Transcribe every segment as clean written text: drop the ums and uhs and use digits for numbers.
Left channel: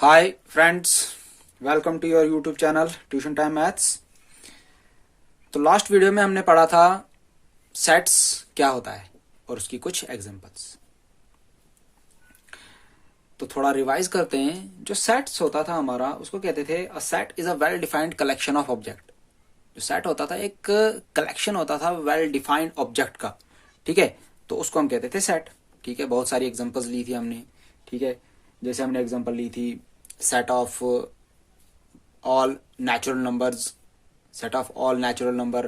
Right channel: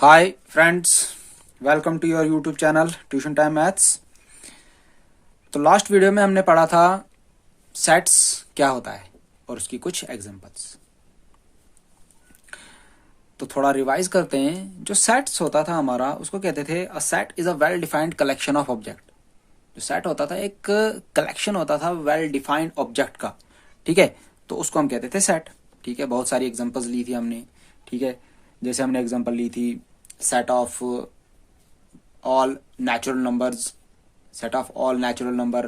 Hi friends, welcome to your YouTube channel tuition time maths. तो last video में हमने पढ़ा था सेट्स क्या होता है और उसकी कुछ एग्जांपल्स। तो थोड़ा रिवाइज करते हैं। जो सेट्स होता था हमारा, उसको कहते थे a set is a well defined collection of object. जो सेट होता था एक कलेक्शन होता था वेल डिफाइंड ऑब्जेक्ट का। ठीक है, तो उसको हम कहते थे सेट। ठीक है, बहुत सारी एग्जांपल्स ली थी हमने। ठीक है, जैसे हमने एग्जांपल ली थी set of all natural numbers, set of all natural number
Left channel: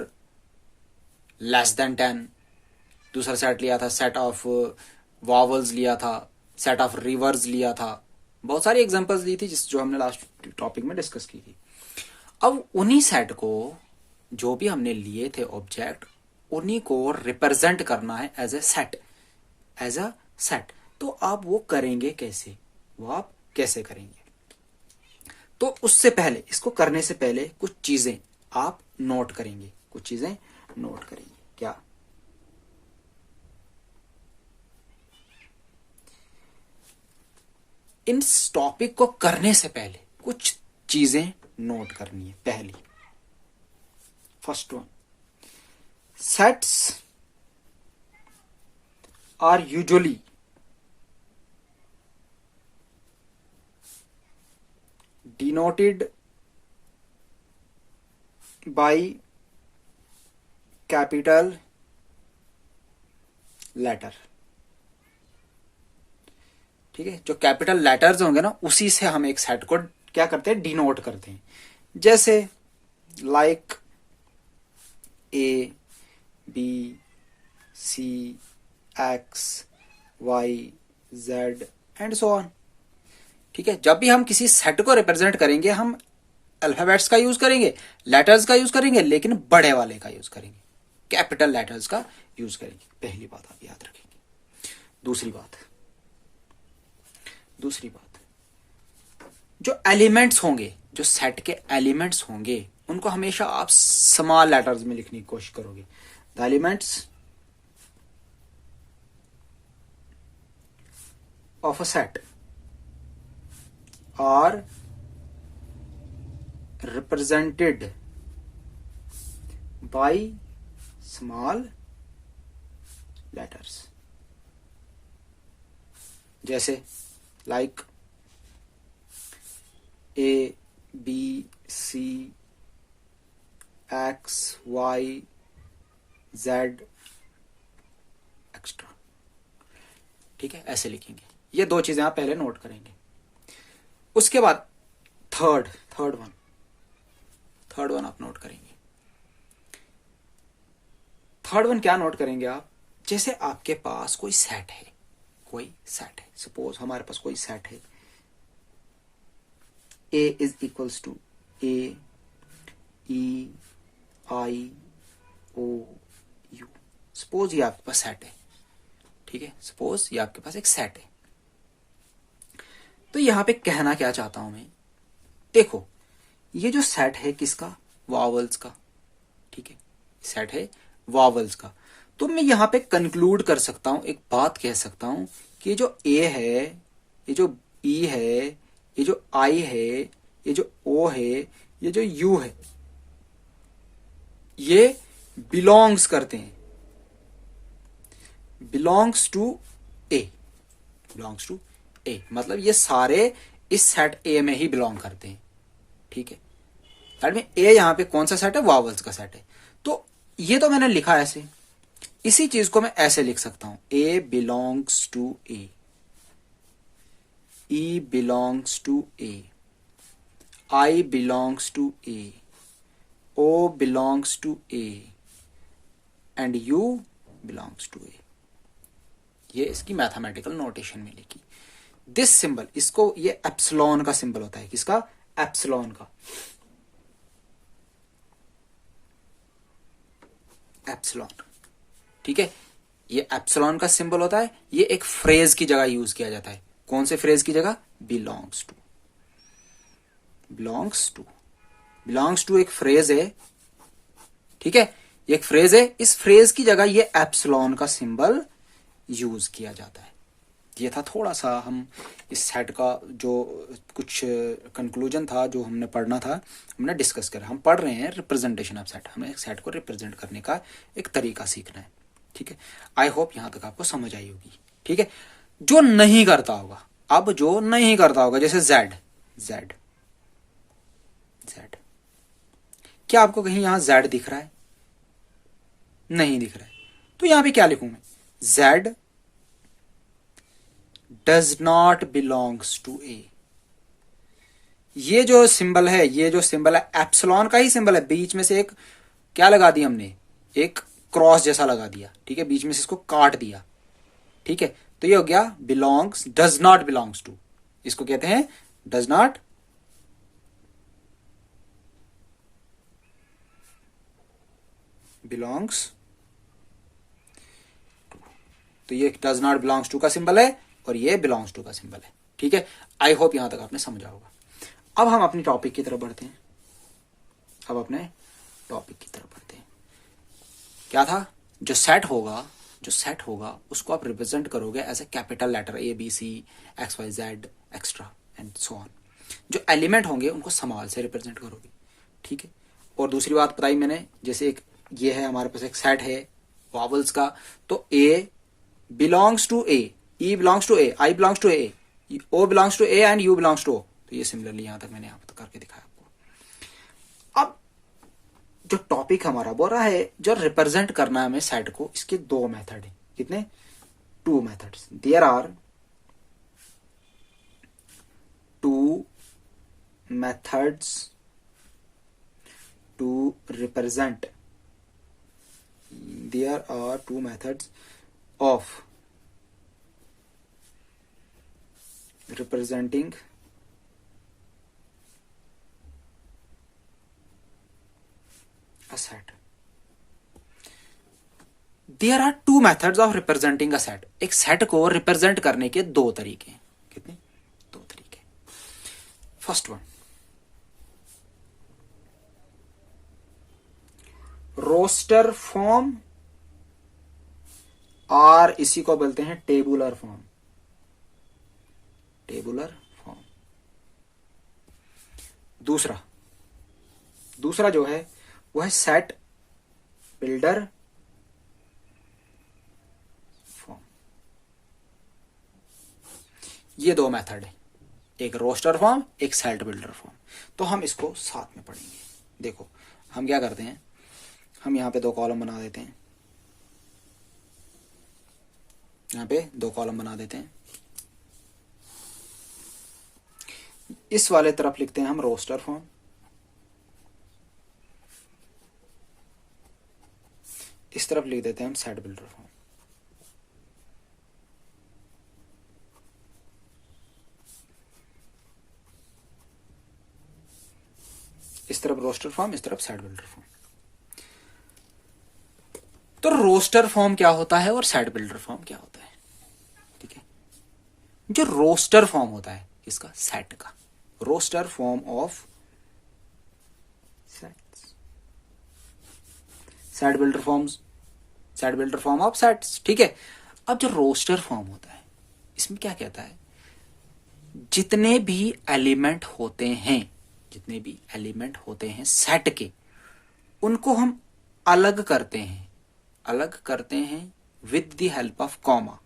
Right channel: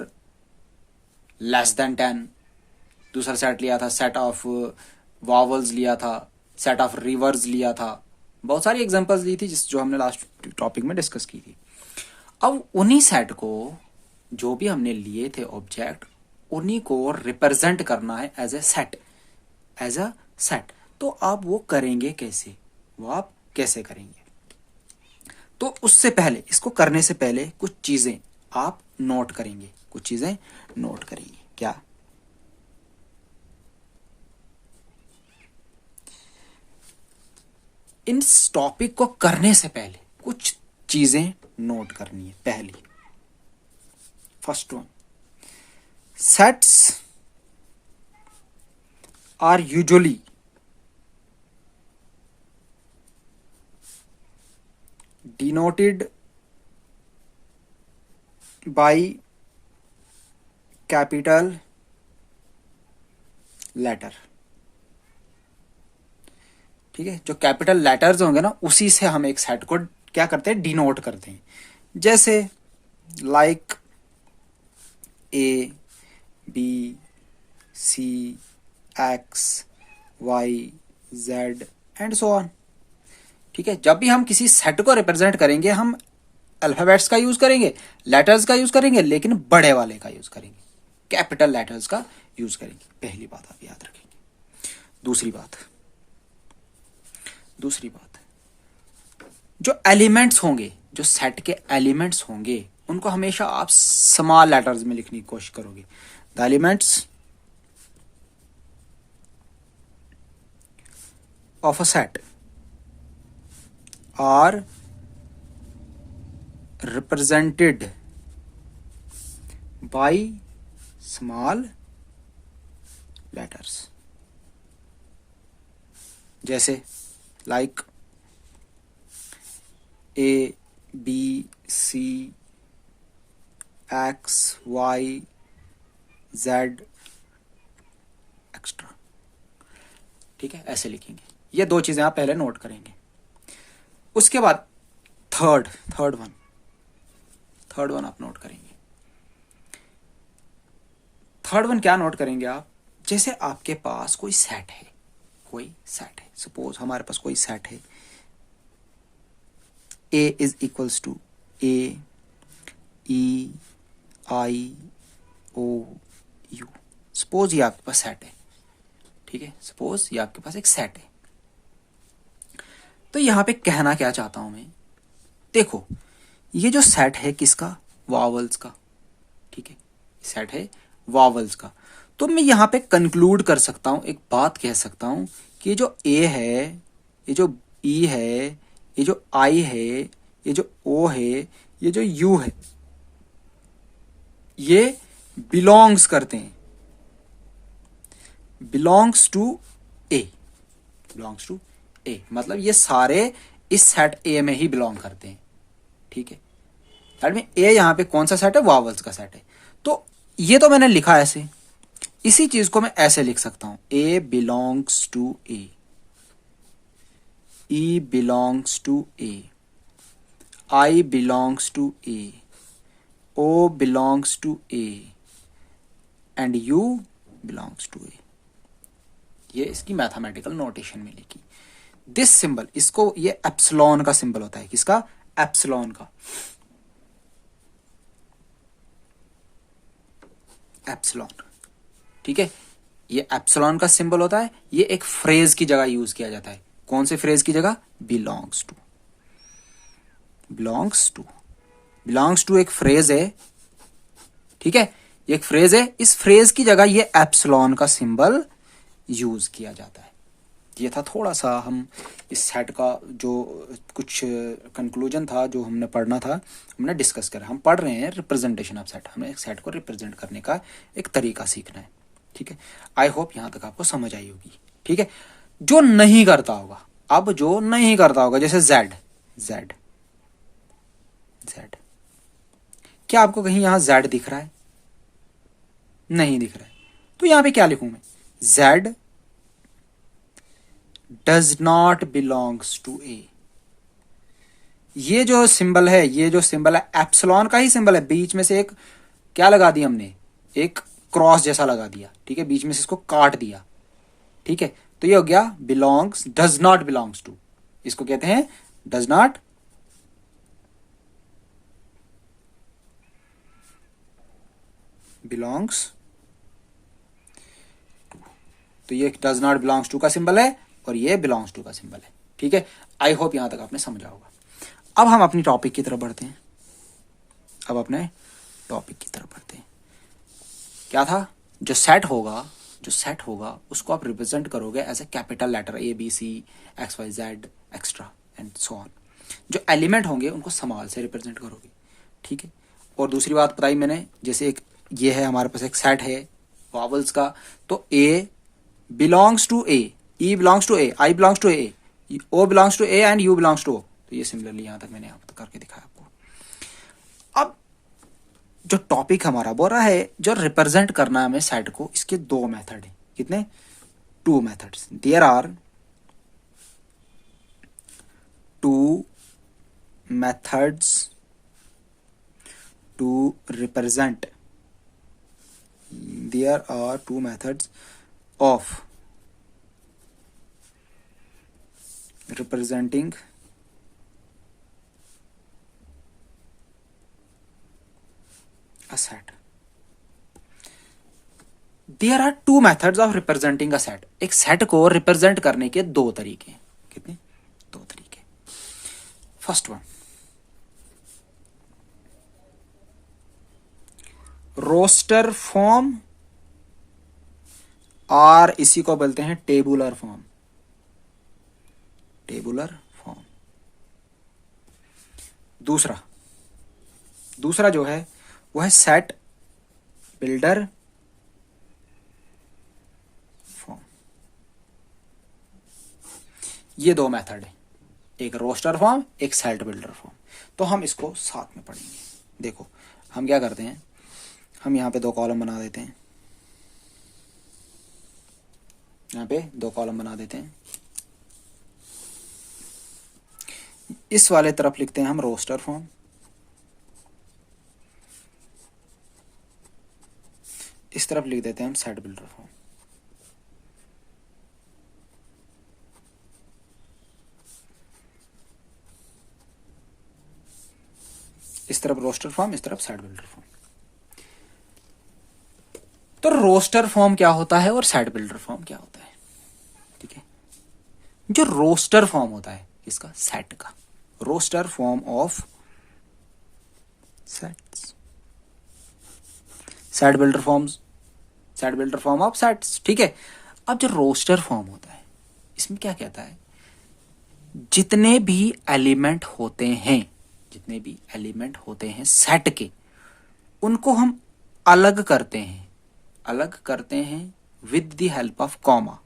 less than 10। दूसरा सेट लिया था सेट ऑफ वॉवल्स लिया था, सेट ऑफ रिवर्स लिया था। बहुत सारी एग्जांपल्स दी थी जो हमने लास्ट टॉपिक में डिस्कस की थी। अब उन्हीं सेट को, जो भी हमने लिए थे ऑब्जेक्ट, उन्हीं को रिप्रेजेंट करना है एज अ सेट। तो आप वो करेंगे कैसे, वो आप कैसे करेंगे? तो उससे पहले, इसको करने से पहले कुछ चीजें आप नोट करेंगे, कुछ चीजें नोट करेंगे। क्या? इस टॉपिक को करने से पहले कुछ चीजें नोट करनी है। पहली, first one, sets are usually denoted by capital letter. ठीक है, जो कैपिटल लेटर्स होंगे ना, उसी से हम एक सेट को क्या करते हैं, डिनोट करते हैं। जैसे like A, B, C, x, Y, Z and so on. ठीक है, जब भी हम किसी सेट को रिप्रेजेंट करेंगे, हम अल्फाबेट्स का यूज करेंगे, लेटर्स का यूज करेंगे, लेकिन बड़े वाले का यूज करेंगे, कैपिटल लेटर्स का यूज करेंगे। पहली बात आप याद रखेंगे। दूसरी बात, जो एलिमेंट्स होंगे, जो सेट के एलिमेंट्स होंगे, उनको हमेशा आप स्मॉल लेटर्स में लिखने की कोशिश करोगे। The elements of a set are represented by small letters। जैसे लाइक ए, बी, सी, एक्स, वाई, जेड एक्स्ट्रा। ठीक है, ऐसे लिखेंगे। ये दो चीजें आप पहले नोट करेंगे। उसके बाद थर्ड वन आप नोट करेंगे। थर्ड वन क्या नोट करेंगे आप? जैसे आपके पास कोई सेट है, सपोज हमारे पास कोई सेट है, A is equals to A, E, I, O, U. Suppose ये आपके पास सेट है। ठीक है, सपोज ये आपके पास एक सेट है। तो यहां पे कहना क्या चाहता हूं मैं, देखो, ये जो सेट है किसका? वॉवल्स का। ठीक है, सेट है वॉवल्स का। तो मैं यहां पे कंक्लूड कर सकता हूं, एक बात कह सकता हूं कि ये जो ए है, ये जो ई है, ये जो आई है, ये जो ओ है, ये जो यू है, ये बिलोंग्स करते हैं, बिलोंग्स टू ए। मतलब ये सारे इस सेट ए में ही बिलोंग करते हैं। ठीक है, दैट मीन ए यहां पे कौन सा सेट है? वॉवल्स का सेट है। तो ये तो मैंने लिखा ऐसे, इसी चीज को मैं ऐसे लिख सकता हूं, A belongs to A, E belongs to A, I belongs to A, O belongs to A and U belongs to A. ये इसकी मैथमेटिकल नोटेशन में लिखी। दिस सिंबल, इसको, ये एप्सिलॉन का सिंबल होता है। किसका? एप्सिलॉन का। एप्सिलॉन। ठीक है, ये एप्सिलॉन का सिंबल होता है। ये एक फ्रेज की जगह यूज किया जाता है। कौन से फ्रेज की जगह? बिलोंग्स टू एक फ्रेज है। ठीक है, ये एक फ्रेज है। इस फ्रेज की जगह ये एप्सिलॉन का सिंबल यूज किया जाता है। ये था थोड़ा सा हम इस सेट का जो कुछ कंक्लूजन था जो हमने पढ़ना था, हमने डिस्कस करा। हम पढ़ रहे हैं रिप्रेजेंटेशन ऑफ सेट, हमें एक सेट को रिप्रेजेंट करने का एक तरीका सीखना है। ठीक है, आई होप यहाँ तक आपको समझ आई होगी। ठीक है, जो नहीं करता होगा, अब जो नहीं करता होगा, जैसे जेड जेड जेड, क्या आपको कहीं यहां जेड दिख रहा है? नहीं दिख रहा है, तो यहां पे क्या लिखूं मैं? Z does not belongs to A. ये जो सिंबल है, ये जो सिंबल है एप्सिलॉन का ही सिंबल है, बीच में से एक क्या लगा दिया हमने, एक क्रॉस जैसा लगा दिया। ठीक है, बीच में से इसको काट दिया। ठीक है, तो ये हो गया belongs, does not belongs to, इसको कहते हैं डज नॉट बिलोंग्स टू। तो ये डज नॉट बिलोंग्स टू का सिंबल है और ये बिलोंग्स टू का सिंबल है। ठीक है, आई होप यहां तक आपने समझा होगा। अब हम अपनी टॉपिक की तरफ बढ़ते हैं। अब अपने टॉपिक की तरफ बढ़ते हैं। क्या था? जो सेट होगा, जो सेट होगा उसको आप रिप्रेजेंट करोगे as a capital letter A B C x Y Z extra and so on. जो एलिमेंट होंगे उनको स्मॉल से रिप्रेजेंट करोगे। ठीक है, और दूसरी बात बताई मैंने, जैसे एक ये है हमारे पास एक सेट है वॉवल्स का, तो A belongs to A, E belongs to A, I belongs to A, O belongs to A and U belongs to O. तो ये सिमिलरली यहां तक मैंने यहां पर करके दिखाया आपको। अब जो टॉपिक हमारा बोल रहा है जो रिप्रेजेंट करना है हमें सेट को, इसके दो मेथड है। कितने? Two methods. There are two methods to represent, there are two methods of representing a set. There are two methods of representing a set. एक सेट को रिप्रेजेंट करने के दो तरीके हैं। कितने? दो तरीके। फर्स्ट वन, रोस्टर फॉर्म, और इसी को बोलते हैं टेबुलर फॉर्म। Tabular form. दूसरा जो है वो है सेट बिल्डर फॉर्म। ये दो मेथड है, एक रोस्टर फॉर्म, एक सेट बिल्डर फॉर्म। तो हम इसको साथ में पढ़ेंगे। देखो हम क्या करते हैं, हम यहां पे दो कॉलम बना देते हैं, यहां पे दो कॉलम बना देते हैं। इस वाले तरफ लिखते हैं हम रोस्टर फॉर्म, इस तरफ लिख देते हैं हम सेट बिल्डर फॉर्म। इस तरफ रोस्टर फॉर्म, इस तरफ सेट बिल्डर फॉर्म। तो रोस्टर फॉर्म क्या होता है और सेट बिल्डर फॉर्म क्या होता है? ठीक है, जो रोस्टर फॉर्म होता है इसका, सेट का, roster form of sets, set builder forms, set builder form of sets. ठीक है, अब जो रोस्टर फॉर्म होता है इसमें क्या कहता है, जितने भी एलिमेंट होते हैं, जितने भी एलिमेंट होते हैं सेट के, उनको हम अलग करते हैं, अलग करते हैं with the help of comma.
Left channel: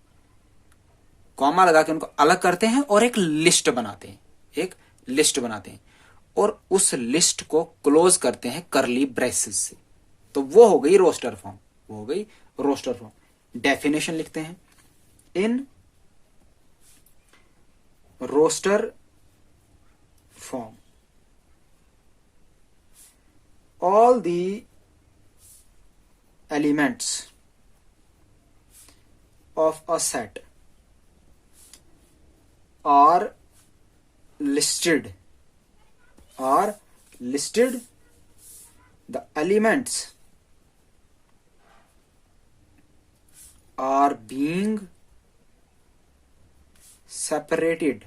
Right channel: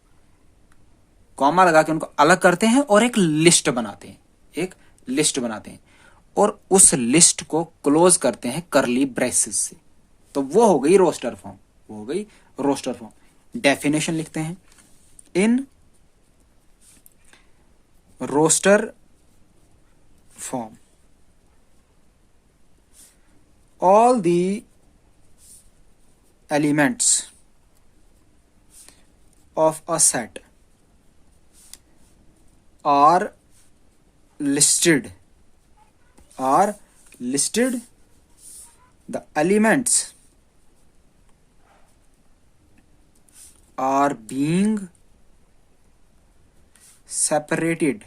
Comma लगा के उनको अलग करते हैं और एक लिस्ट बनाते हैं, एक लिस्ट बनाते हैं, और उस लिस्ट को क्लोज करते हैं करली ब्रेसेस से। तो वो हो गई रोस्टर फॉर्म, वो हो गई रोस्टर फॉर्म। डेफिनेशन लिखते हैं, in roster form all the elements of a set are listed, the elements are being separated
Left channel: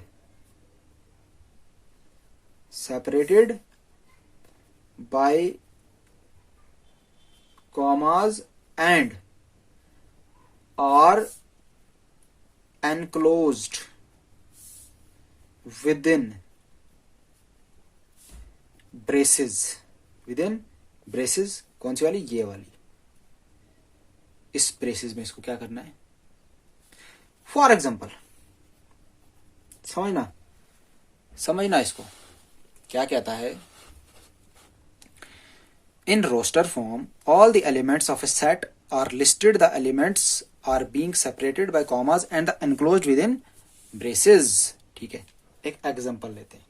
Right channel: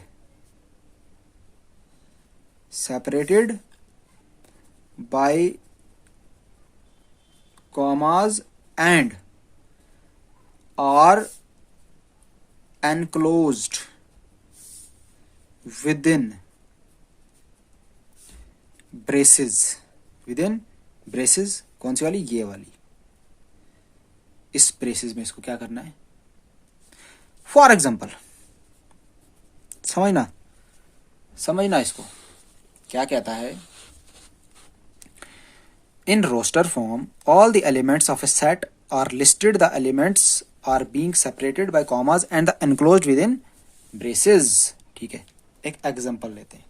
by commas and are enclosed within braces कौन सी वाली, ये वाली, इस ब्रेसेस में इसको क्या करना है, फॉर एग्जाम्पल, समझना इसको क्या कहता है। In roster form all the elements of a set are listed, the elements are being separated by commas and the enclosed with in braces. ठीक है, एक एग्जाम्पल लेते हैं।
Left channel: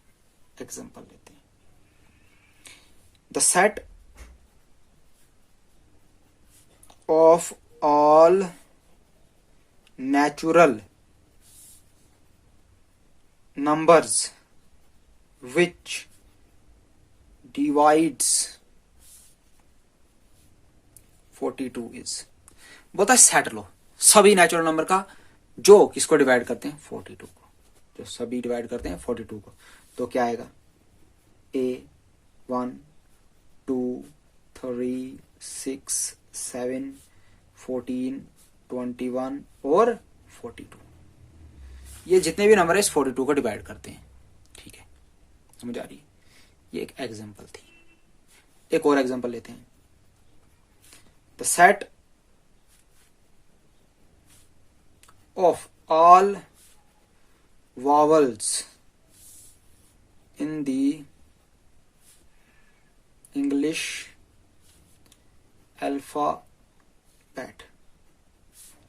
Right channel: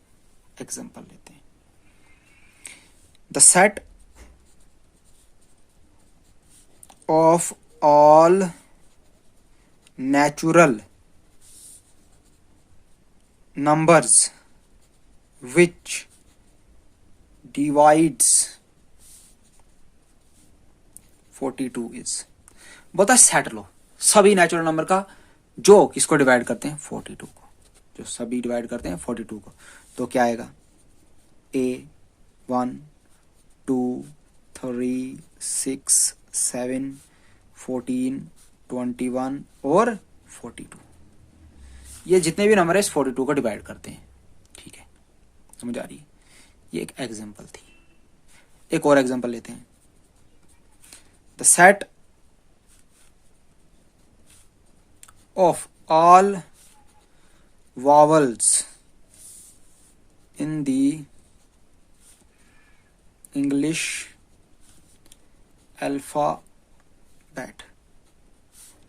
The set of all natural numbers which divides 42 is, बोलता set लो सभी natural number का जो किसको डिवाइड करते हैं 42 को, जो सभी डिवाइड करते हैं 42 को, तो क्या आएगा A 1 2 3 6 7 14 21 और 42, ये जितने भी नंबर है इस 42 को डिवाइड करते हैं। ठीक है, समझ आ रही है। ये एक एग्जांपल थी। एक और एग्जांपल लेते हैं। The set of all vowels in the English alphabet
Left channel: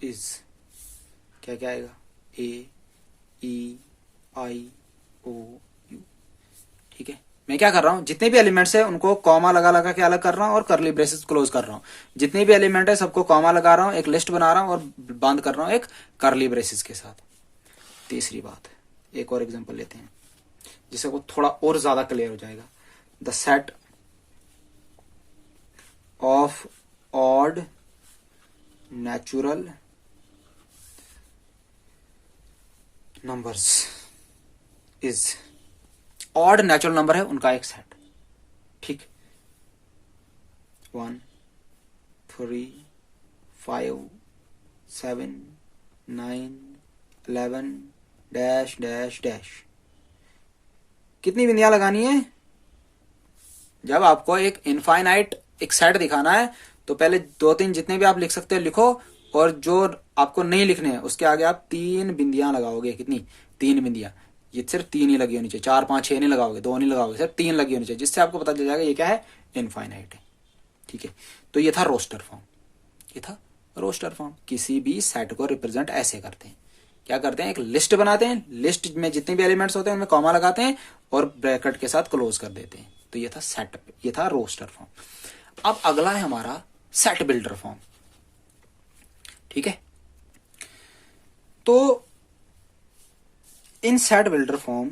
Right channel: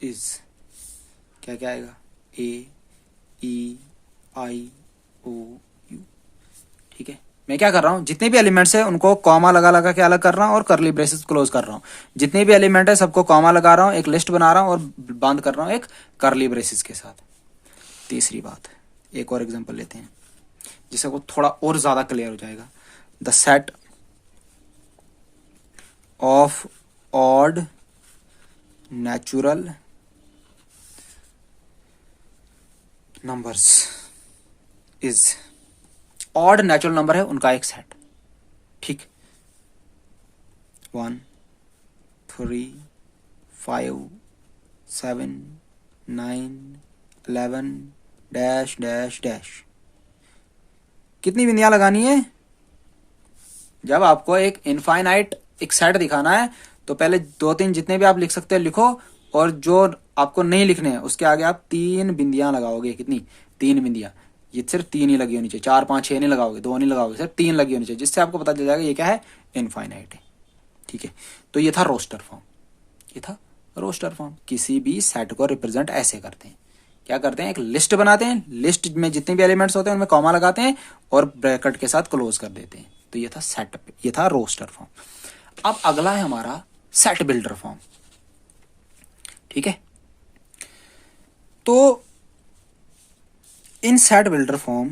is, क्या क्या आएगा, A E I O U। ठीक है, मैं क्या कर रहा हूं, जितने भी एलिमेंट्स है उनको कॉमा लगा के अलग कर रहा हूं और करली ब्रेसेस क्लोज कर रहा हूं। जितने भी एलिमेंट है सबको कॉमा लगा रहा हूं, एक लिस्ट बना रहा हूं और बंद कर रहा हूं एक करली ब्रेसेस के साथ। तीसरी बात, एक और एग्जांपल लेते हैं जिससे वो थोड़ा और ज्यादा क्लियर हो जाएगा। The set of odd natural numbers is, odd natural number है उनका एक सेट। ठीक, 1 3 5 7 9 11 डैश डैश डैश। कितनी बिंदियां लगानी है, जब आपको एक इनफाइनाइट एक सेट दिखाना है तो पहले 2-3 जितने भी आप लिख सकते हैं लिखो, और जो आपको नहीं लिखने हैं उसके आगे आप 3 बिंदियां लगाओगे। कितनी, 3 बिंदियां। ये सिर्फ 3 ही लगी होनी चाहिए, 4 5 6 नहीं लगाओगे, 2 नहीं लगाओगे, सिर्फ 3 लगी होनी चाहिए, जिससे आपको पता चल जाएगा ये क्या है, इनफाइनाइट है। ठीक है, तो ये था रोस्टर फॉर्म। किसी भी सेट को रिप्रेजेंट ऐसे करते हैं, क्या करते हैं, एक लिस्ट बनाते हैं, लिस्ट में जितने भी एलिमेंट्स होते हैं उनमें कॉमा लगाते हैं और ब्रैकेट के साथ क्लोज कर देते हैं। तो ये था सेट, ये था रोस्टर फॉर्म। अब अगला है हमारा सेट बिल्डर फॉर्म। ठीक है, तो इन set builder form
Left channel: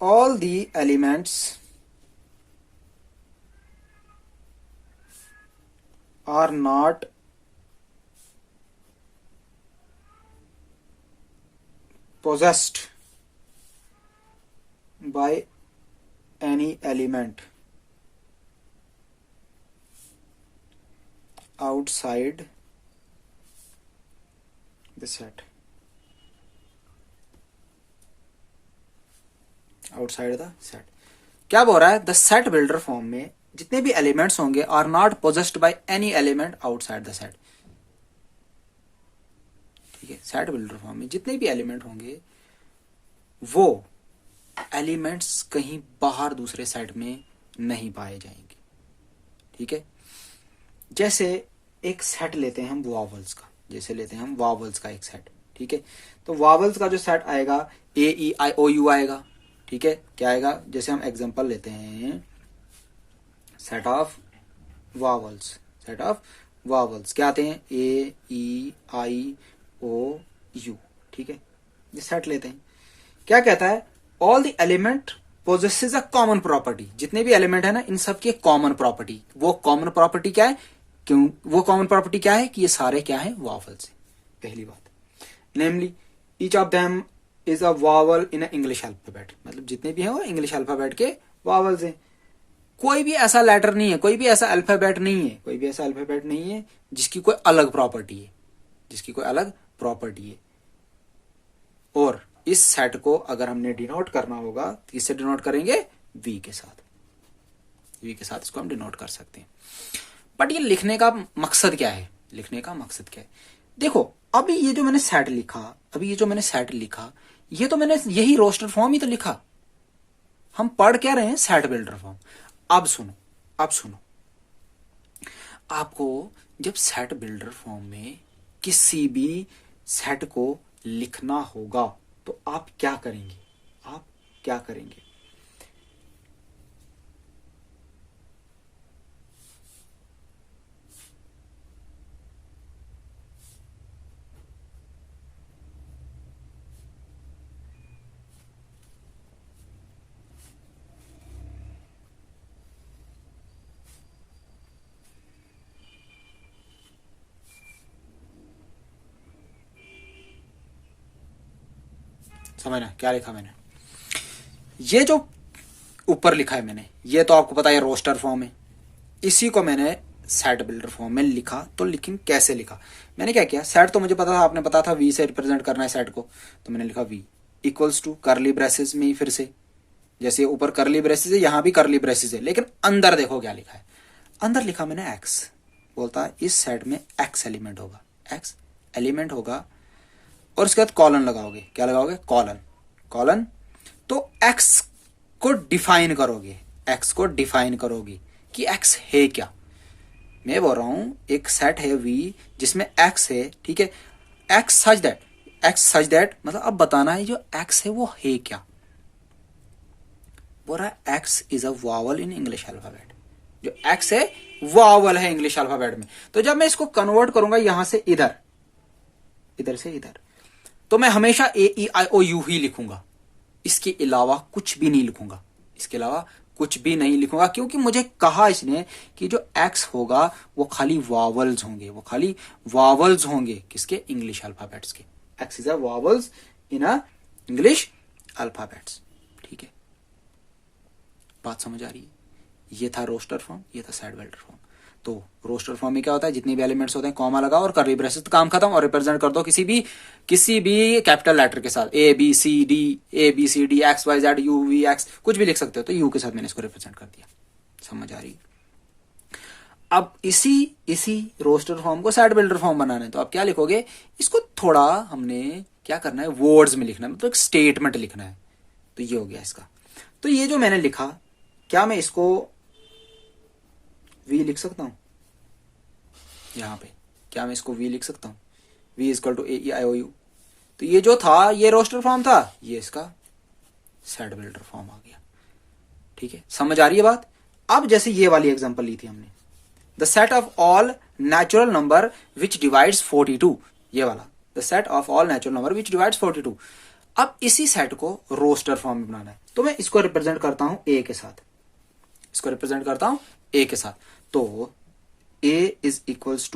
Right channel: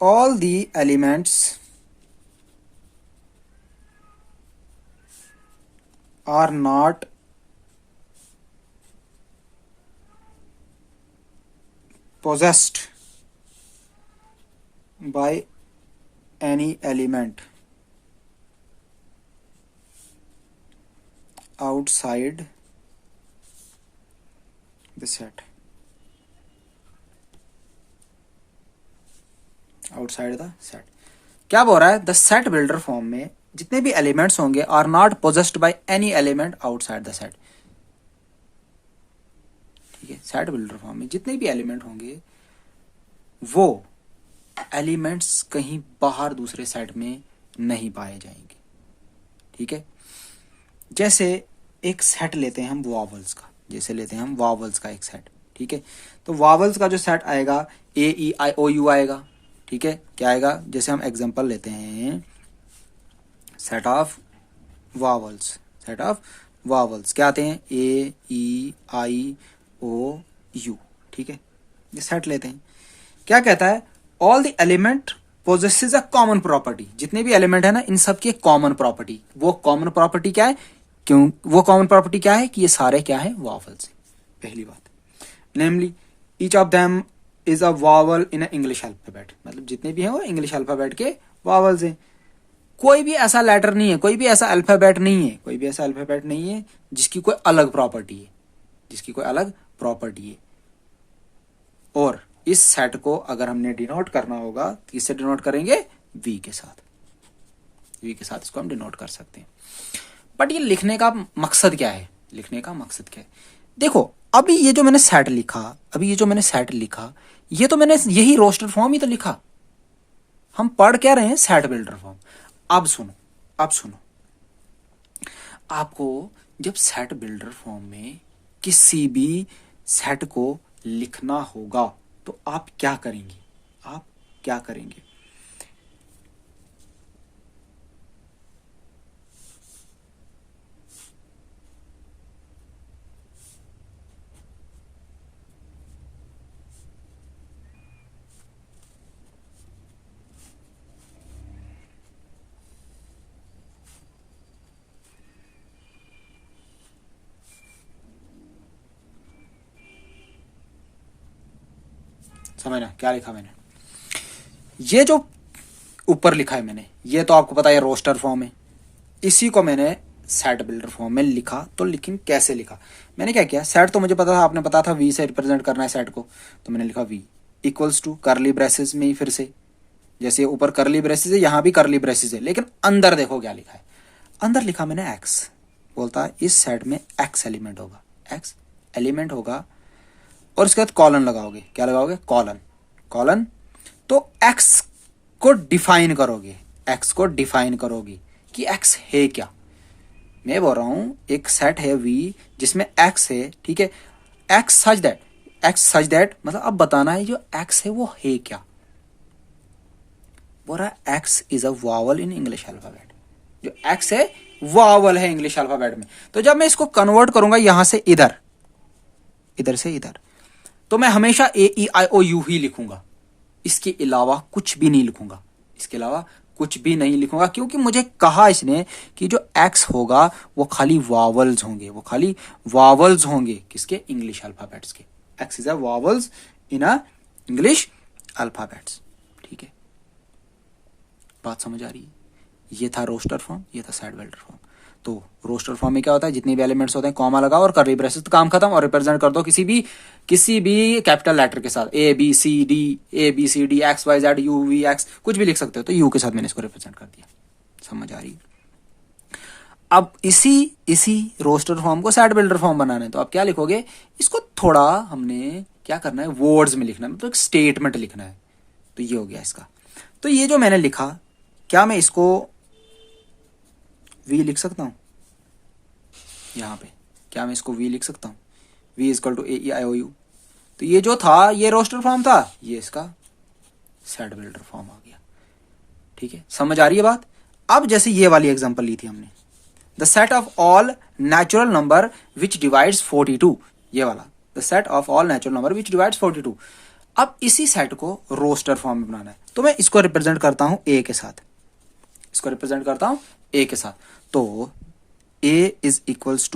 all the elements are not possessed by any element outside the set, outside the set. क्या बोल रहा है, द सेट बिल्डर फॉर्म में जितने भी एलिमेंट्स होंगे are not possessed by any element outside the set. ठीक है, सेट बिल्डर फॉर्म में जितने भी एलिमेंट होंगे वो एलिमेंट्स कहीं बाहर दूसरे सेट में नहीं पाए जाएंगे। ठीक है, जैसे एक सेट लेते हैं हम वॉवल्स का, एक सेट। ठीक है, तो वॉवल्स का जो सेट आएगा AEIOU आएगा। ठीक है, क्या आएगा, जैसे हम एग्जांपल लेते हैं सेट ऑफ वॉवल्स क्या आते हैं, AEIOU। ठीक है, ये सेट लेते हैं। क्या कहता है, all the element possesses a common property. जितने भी एलिमेंट है ना इन सब की कॉमन प्रॉपर्टी, वो कॉमन प्रॉपर्टी क्या है, कि ये सारे क्या है, वॉवल्स। पहली बात, namely each of them is a vowel in English alphabet, मतलब जितने भी हैं वो इंग्लिश अल्फाबेट के वॉवल्स हैं। कोई भी ऐसा लेटर नहीं है, कोई भी ऐसा अल्फाबेट नहीं है, कोई भी ऐसा अल्फाबेट नहीं है जिसकी कोई अलग प्रॉपर्टी है, जिसकी कोई अलग प्रॉपर्टी है। और इस सेट को अगर हमने डिनोट करना होगा तो किससे डिनोट करेंगे? वी के साथ। वी के साथ इसको हम डिनोट कर सकते हैं। बट ये लिखने का मकसद क्या है? लिखने का मकसद क्या है? देखो, अभी ये जो मैंने सेट लिखा, ये तो मैंने यही रोस्टर फॉर्म ही तो लिखा। हम पढ़ क्या रहे हैं? Set builder form. अब सुनो, आपको जब सेट बिल्डर फॉर्म में किसी भी सेट को लिखना होगा तो आप क्या करेंगे? समझना क्या लिखा मैंने? ये जो ऊपर लिखा है मैंने, ये तो आपको पता है रोस्टर फॉर्म है। इसी को मैंने सेट बिल्डर फॉर्म में लिखा। तो लेकिन कैसे लिखा? मैंने क्या किया, सेट तो मुझे पता था, आपने पता था वी से रिप्रेजेंट करना है सेट को, तो मैंने लिखा V equals to curly braces में ही फिर से, जैसे ऊपर कर्ली ब्रेसेस है यहां भी कर्ली ब्रेसेस है, लेकिन अंदर देखो क्या लिखा है। अंदर लिखा मैंने एक्स। बोलता है इस सेट में एक्स एलिमेंट होगा, और उसके बाद कॉलन लगाओगे। क्या लगाओगे? कॉलन। तो एक्स को डिफाइन करोगे कि एक्स है क्या। मैं बोल रहा हूं एक सेट है वी जिसमें एक्स है, ठीक है, एक्स सच दैट मतलब अब बताना है जो एक्स है वो है क्या। बोल रहा x is a vowel in English alphabet. जो एक्स है वावल है इंग्लिश अल्फाबेट में। तो जब मैं इसको कन्वर्ट करूंगा यहां से इधर से इधर, तो मैं हमेशा AEIOU ही लिखूंगा, इसके अलावा कुछ भी नहीं लिखूंगा, क्योंकि मुझे कहा इसने कि जो एक्स होगा वो खाली वावल्स होंगे किसके? इंग्लिश अल्फाबेट्स के। X is a vowels in a English alphabets. ठीक है, बात समझ आ रही है? ये था रोस्टर फॉर्म, ये था सेट बिल्डर फॉर्म। तो रोस्टर फॉर्म में क्या होता है, जितने भी एलिमेंट्स होते हैं कॉमा लगाओ और कर्ली ब्रेसेस, काम खत्म, और रिप्रेजेंट कर दो किसी भी कैपिटल लेटर के साथ, ABCD XYZ UVX, कुछ भी लिख सकते हो। तो यू के साथ मैंने इसको रिप्रेजेंट कर दिया। समझ आ रही है? अब इसी रोस्टर फॉर्म को सेट बिल्डर फॉर्म बनाना है, तो आप क्या लिखोगे? इसको थोड़ा हमने क्या करना है, वर्ड्स में लिखना है, मतलब एक स्टेटमेंट लिखना है। तो ये हो गया इसका। तो ये जो मैंने लिखा, क्या मैं इसको वी लिख सकता हूं? यहां पे क्या मैं इसको वी लिख सकता हूं? V equal to AEIOU। तो ये जो था ये रोस्टर फॉर्म था, ये इसका सेट बिल्डर फॉर्म आ गया। ठीक है, समझ आ रही है बात? अब जैसे ये वाली एग्जांपल ली थी हमने, the set of all natural number which divides 42, ये वाला, the set of all natural number which divides 42। अब इसी सेट को रोस्टर फॉर्म में बनाना है, तो मैं इसको रिप्रेजेंट करता हूं ए के साथ, तो a इज इक्वल्स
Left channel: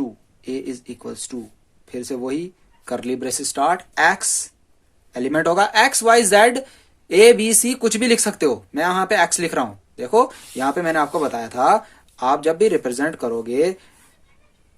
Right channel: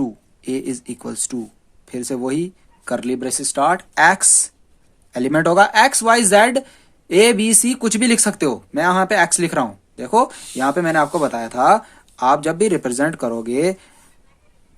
टू फिर से वही curly braces start, x element होगा XYZ ABC, कुछ भी लिख सकते हो। मैं यहां पे x लिख रहा हूं। देखो यहां पे मैंने आपको बताया था, आप जब भी रिप्रेजेंट करोगे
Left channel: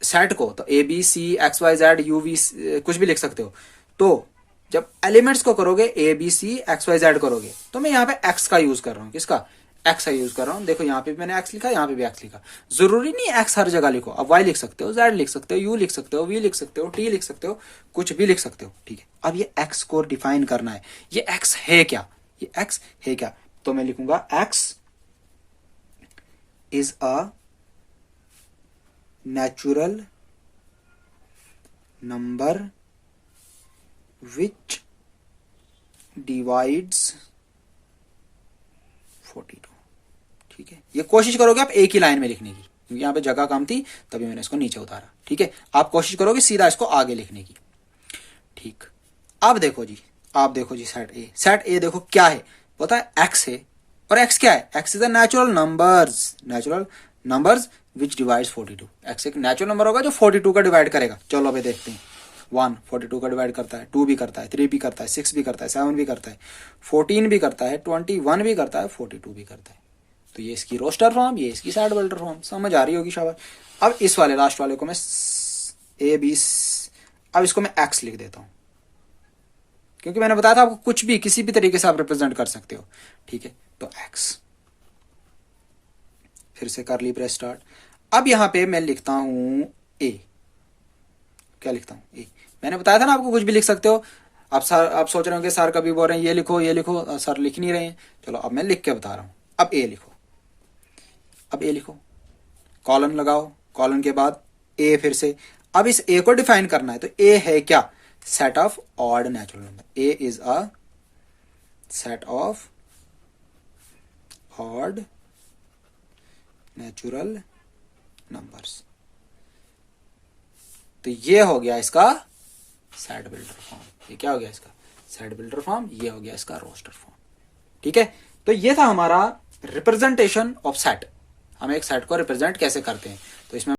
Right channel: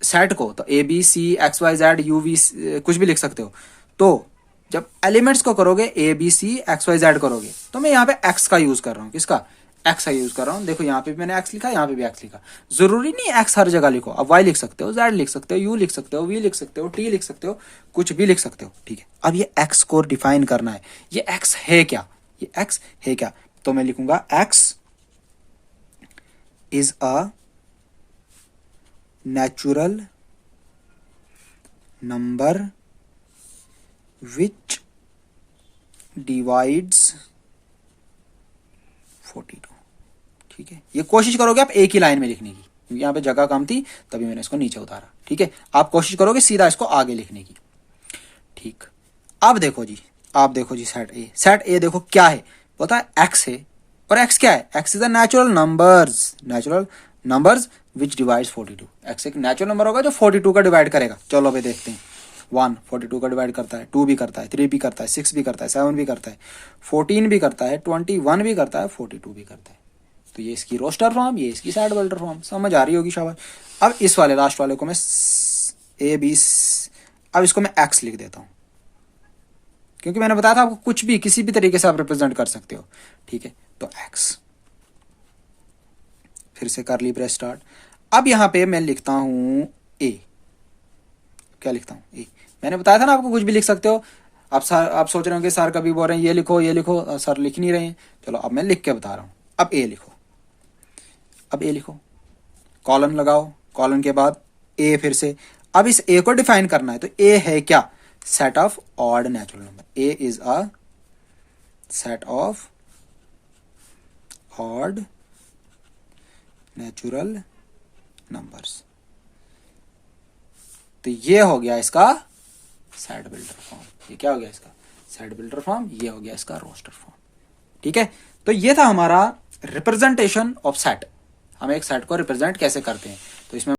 सेट को तो ABC XYZ UV कुछ भी लिख सकते हो। तो जब एलिमेंट्स को करोगे ABC XYZ करोगे, तो मैं यहाँ पे x का यूज कर रहा हूँ। किसका? x का यूज कर रहा हूँ। देखो यहाँ पे भी मैंने x लिखा, यहाँ पे भी x लिखा। जरूरी नहीं x हर जगह लिखो, अब y लिख सकते हो, z लिख सकते हो, u लिख सकते हो, v लिख सकते हो, t लिख सकते हो, कुछ भी लिख सकते हो। ठीक है, अब ये x को डिफाइन करना है, ये x है क्या? तो मैं लिखूंगा x is a natural number which divides 42। ठीक है, ये कोशिश करोगे आप एक ही लाइन में लिखने की, यहां पे जगह कम थी तभी मैंने इसको नीचे उतारा। ठीक है, आप कोशिश करोगे सीधा इसको आगे लिखने की। ठीक, अब देखो जी सेट ए देखो क्या है, पता है x है, और x क्या है? x is the natural numbers which divides 42। x एक नेचुरल नंबर होगा जो 42 का डिवाइड करेगा। चलो अभी देखते हैं। 1 42 का डिवाइड करता है, 2 भी करता है, 3 भी करता है, 6 भी करता है, 7 भी करता है, 14 भी करता है, 21 भी करता है, 42 भी करता है। तो ये इसकी रोस्टर फॉर्म, ये इसकी सेट बिल्डर फॉर्म। समझ आ रही होगी शाबाश। अब इस वाले लास्ट वाले को मैं ए बी, अब इसको मैं एक्स लिख देता हूं, क्योंकि मैंने बताया था आपको कुछ भी किसी भी तरीके से आप रिप्रेजेंट कर सकते हो। ठीक है, तो एक्स, फिर से करली ब्रेस स्टार्ट। अब यहां पे मैं लिखता हूं ए। क्या लिखता हूं? ए। मैंने बताया था ना आपको कुछ भी लिख सकते हो। आप सोच रहे हो कि सर कभी बोल रहे हैं ये लिखो ये लिखो, सर लिख नहीं रहे हैं। चलो अब मैं लिख के बता रहा हूं। अब ए लिखो, अब ए लिखो, कॉलन लगाओ, कॉलन के बाद ए फिर से। अब इस ए को डिफाइन करना है, तो ए है क्या? Set of odd natural number. A is a set of odd natural numbers. तो ये हो गया इसका सेट बिल्डर फॉर्म। ये क्या हो गया इसका सेट बिल्डर फॉर्म, ये हो गया इसका रोस्टर फॉर्म। ठीक है, तो ये था हमारा रिप्रेजेंटेशन ऑफ सेट। हम एक सेट को रिप्रेजेंट कैसे करते हैं। तो इसमें